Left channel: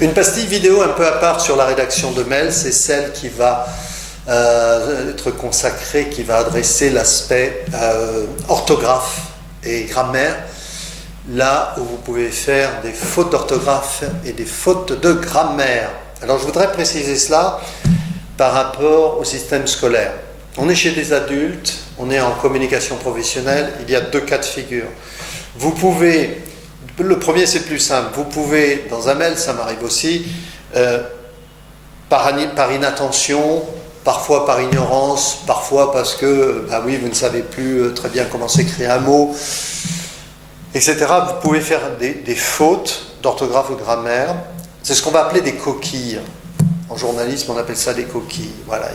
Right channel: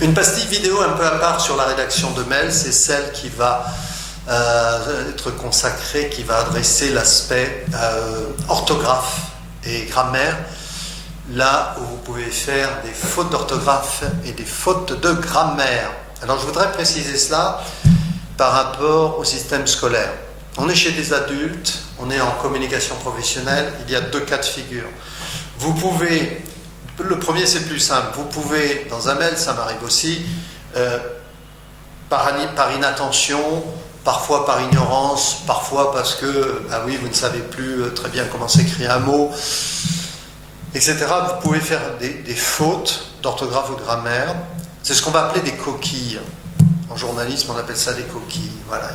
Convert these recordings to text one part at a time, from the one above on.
Une pastille vidéo un peu à part sur la rédaction de mails, c'est celle qui va être consacrée, qui va adresser l'aspect orthographe et grammaire, là où vous pouvez faire des fautes d'orthographe et des fautes de grammaire. Alors je voudrais préciser cela par rapport au système scolaire. On est chez des adultes, on est en communication professionnelle, il y a deux cas de figure. Vous pouvez, le premier c'est plus simple, vous pouvez, dans un mail, ça m'arrive aussi, par inattention, parfois par ignorance, parfois parce que, bah oui, vous ne savez plus très bien comment s'écrire un mot, etc. Vous pouvez faire des fautes d'orthographe ou de grammaire. C'est ce qu'on va appeler des coquilles. En journalisme, on appelle ça des coquilles. Voilà,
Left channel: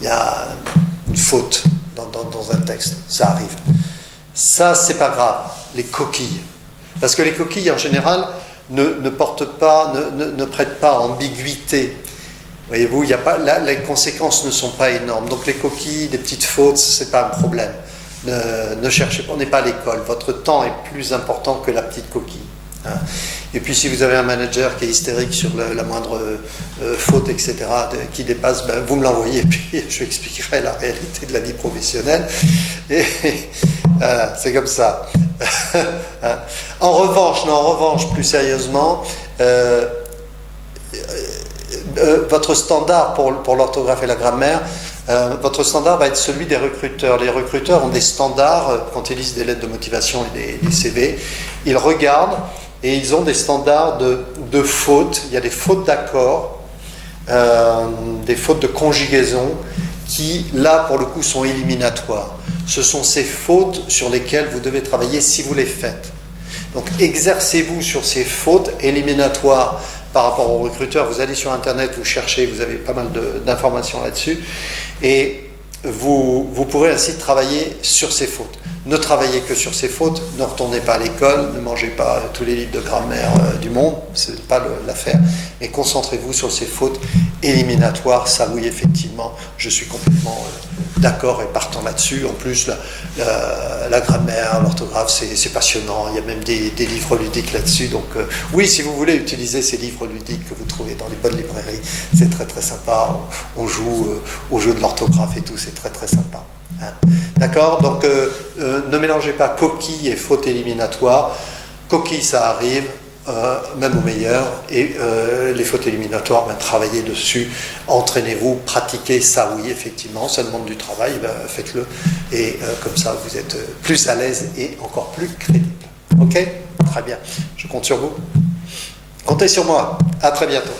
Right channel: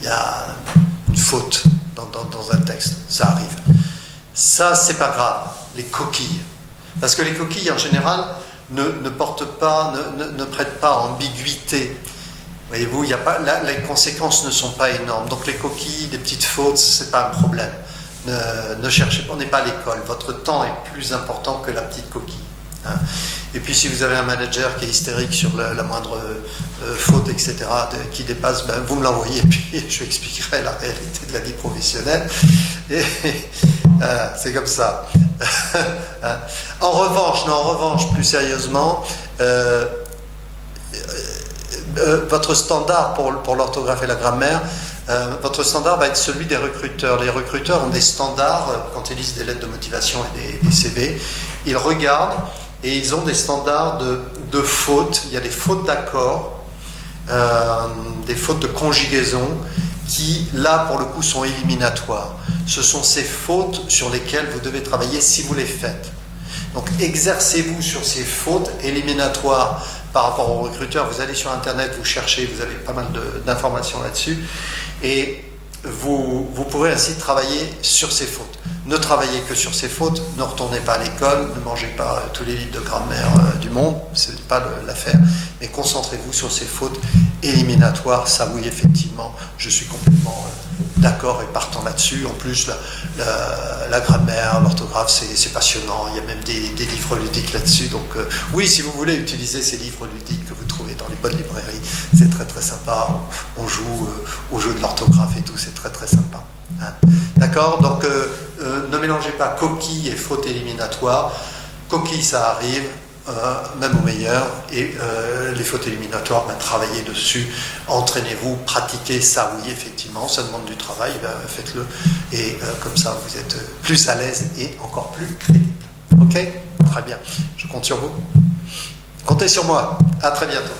il y a une faute dans un texte. Ça arrive. Ça, c'est pas grave, les coquilles. Parce que les coquilles, en général, ne portent pas, ne prêtent pas ambiguïté. Voyez-vous, les conséquences ne sont pas énormes. Donc les coquilles, des petites fautes, c'est pas un problème. Ne cherchez pas, on n'est pas à l'école. Votre temps est plus important que la petite coquille. Hein. Et puis si vous avez un manager qui est hystérique sur la moindre faute, etc., qui dépasse, ben, vous me l'envoyez et puis je expliquerai la réalité de la vie professionnelle. Et c'est comme ça. Hein. En revanche, plus sérieusement, votre standard pour l'orthographe et la grammaire, votre standard va être celui des recruteurs. Les recruteurs ont des standards quand ils lisent des lettres de motivation et des CV. Ils regardent et ils ont des standards de fautes. Il y a des fautes d'accord, des fautes de conjugaison qui, là, pour le coup, sont éliminatoires. Ce sont ces fautes sur lesquelles vous devez travailler si vous les faites. Donc, exercez-vous sur ces fautes éliminatoires par rapport aux recruteurs. Vous allez sur Internet, vous cherchez, vous avez pas mal d'informations là-dessus. Et vous pourrez ainsi travailler sur ces fautes. Ne travaillez que sur ces fautes, ne retournez pas à l'école, ne mangez pas tous les livres de grammaire du monde, ce n'est pas l'affaire, mais concentrez-vous sur ces fautes éliminatoires. Ça oui, effectivement, je suis complètement d'accord et partant là-dessus. En plus, la grammaire, l'orthographe, c'est passionnant, il y a même des livres ludiques là-dessus. Donc oui, si vous voulez utiliser ces livres ludiques que vous trouvez dans les bonnes librairies, c'est très très sympa, on joue au jeu de l'orthographe et tout, c'est très très sympa. D'accord? Donc ne mélangez pas coquille et faute éliminatoire. Coquille, ça arrive, même au meilleur, et les fautes éliminatoires, ben, travaillez dessus, entraînez-vous, pratiquez ça, oui, effectivement, ça demande du travail, ben, faites-le, et comme ça, vous êtes plus à l'aise et encore plus crédible. Ok? Très bien. Je compte sur vous. Comptez sur moi. À très bientôt.